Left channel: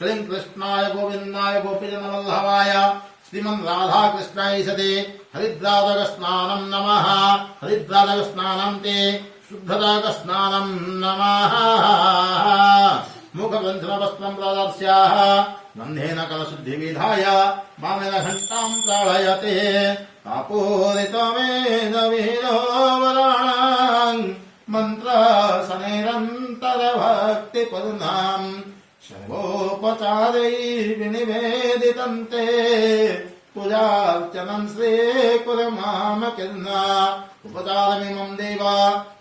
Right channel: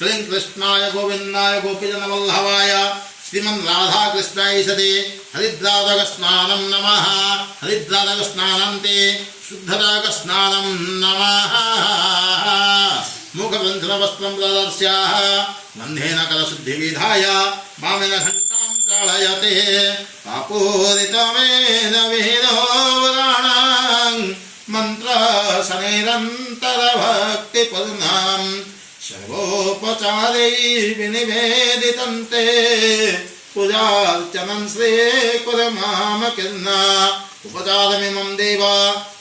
क्लीं कृष्णाय गोविन्दाय गोपीजनवल्लभाय श्रीमन् राधा कृष्णाय सदे हरिद्रादकस्नानं नमः हरिद्रादकस्नानं ते शुद्धरागस्नानं नमः मुखबन्धनवस्त्रं प्रदर्श्याः गन्धेन कलशुद्धिविधाय वामेन घण्टां ताडयते कापूरितमेन वेदोवराणां मन्त्रशनैरन्तरभक्तिपूर्णां सर्वोपचारैः विनिवेदितं ते पूजार्चनं श्रीकुरमामकीर्णा उपचारमिमं देव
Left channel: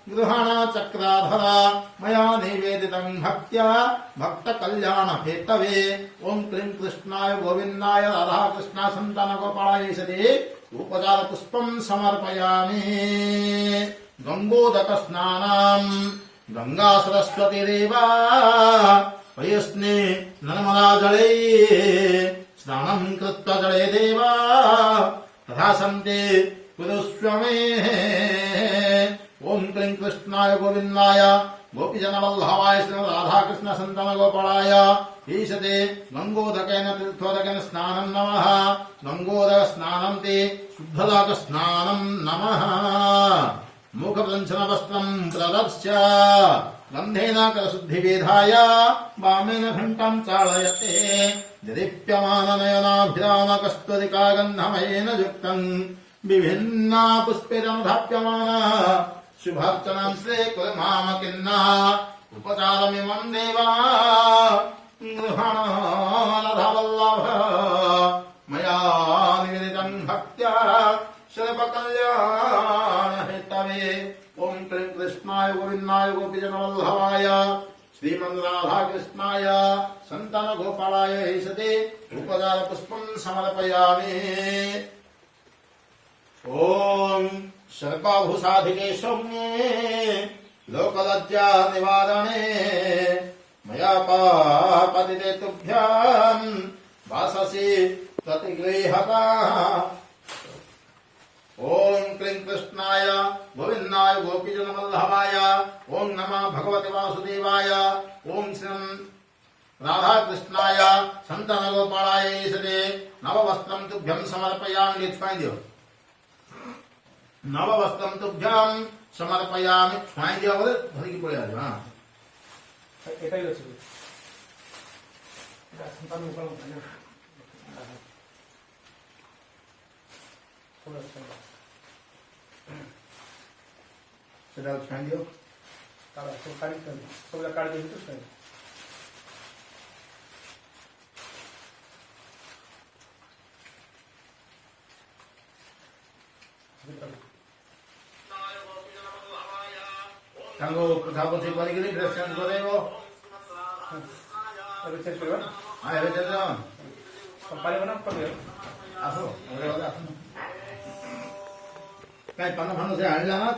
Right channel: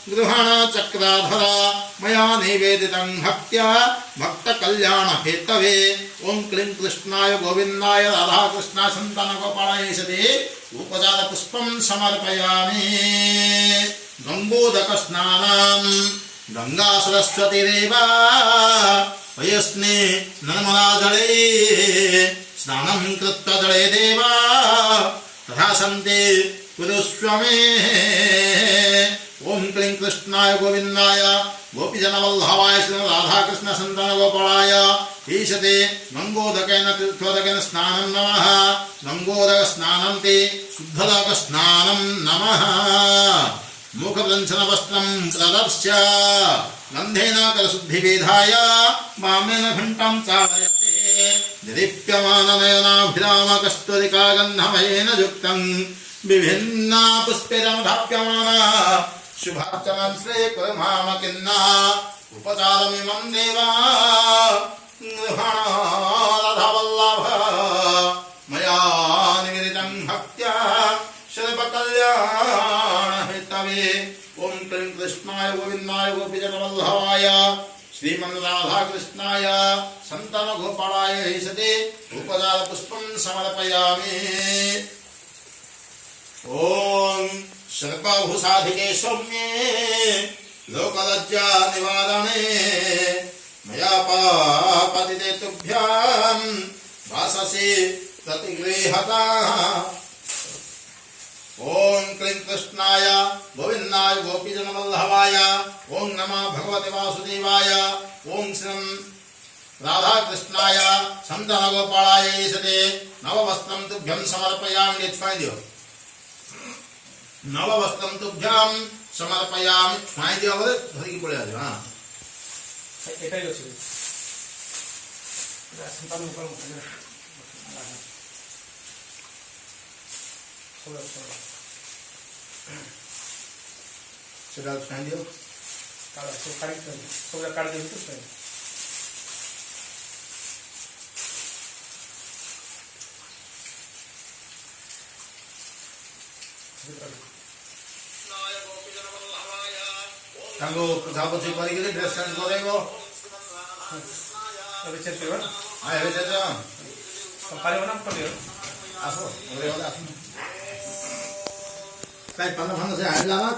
गृहण चक्राधर मया निवेदितं भक्त्या भक्तकल्याणहेतवे ओं क्लीं कृष्णाय गोविन्दाय राधाकृष्ण सन्तानगोपालाय सदे उपचारपुष्पं समर्पयामि गङ्गोदकस्नानं गंगा सरस्वतीरेव वयस्ने नर्मदाजले स्नानं कृत्वा जले देव तथा सन्ते कुरुष्व मे ओं क्लीं कृष्णाय गोविन्दाय गोपीजनवल्लभाय श्री राधाकृष्ण सन्तानगोपालाय ईशते गंगोदकेन तीर्थोदकेन स्नानं नमः गंगोदकस्नानं ते शुद्धलोकस्नानं नमः मुखवृंशनवस्त्रं प्रदर्श्य गन्धेन करशुद्धिविधाय वामेन घण्टां चालयते दीप्यमाननयनाभिराम कस्तूरिकागन्धमयेन युक्तं विभिन्ना पुष्पैरनुधाप्यमाना शुभार्चनं श्रीकुरमामकीर्णः उपचारमिमं देवा गृहण राधावल्लभ मया निवेदितं भक्त्या सर्वकल्याणहेतवे ओं क्लीं कृष्णाय गोविन्दाय गोपीजनवल्लभाय श्रीमन् राधाकृष्णाय सन्तानगोपालाय ईशते उपचारपुष्पं समर्पयामि ओं सर्वाभूषाधिके सौम्ये लोकलज्जा निवारणे मया पापतिते तुभ्यां वाससि प्रतिगृह्यता ओं क्लीं कृष्णाय गोविन्दाय गोपीजनवल्लभाय ओं नमः भगवते वासुदेवाय ओं श्रीं राधाकृष्णाय सन्तानगोपालाय ईशते नववस्त्रं तुभ्यं समर्पयामि छुआइदियो नववस्त्रं तुभ्यं समर्पयामि छुआइदियो बोले धरिकी पड़े आदियो हां এটাই হচ্ছে সন্তান উপর সেটা ছুঁইদিও তারা সব কাটি সবটা কাটি দিতে ছুঁই ତାଙ୍କୁ ପୋଛାପୋଛି କରିକିରି ଡ୍ରେସ୍ ଚେଞ୍ଜ କରେଇବ ଏବେ ଚେକ୍ କରିବା ହଁ ଏବେ ଚେଞ୍ଜ ପାରିବ ନା କରିବ ଆସ ଆସ କାଇଁ ପାନ ଫାନ ସେ ଆଣିଲା ନା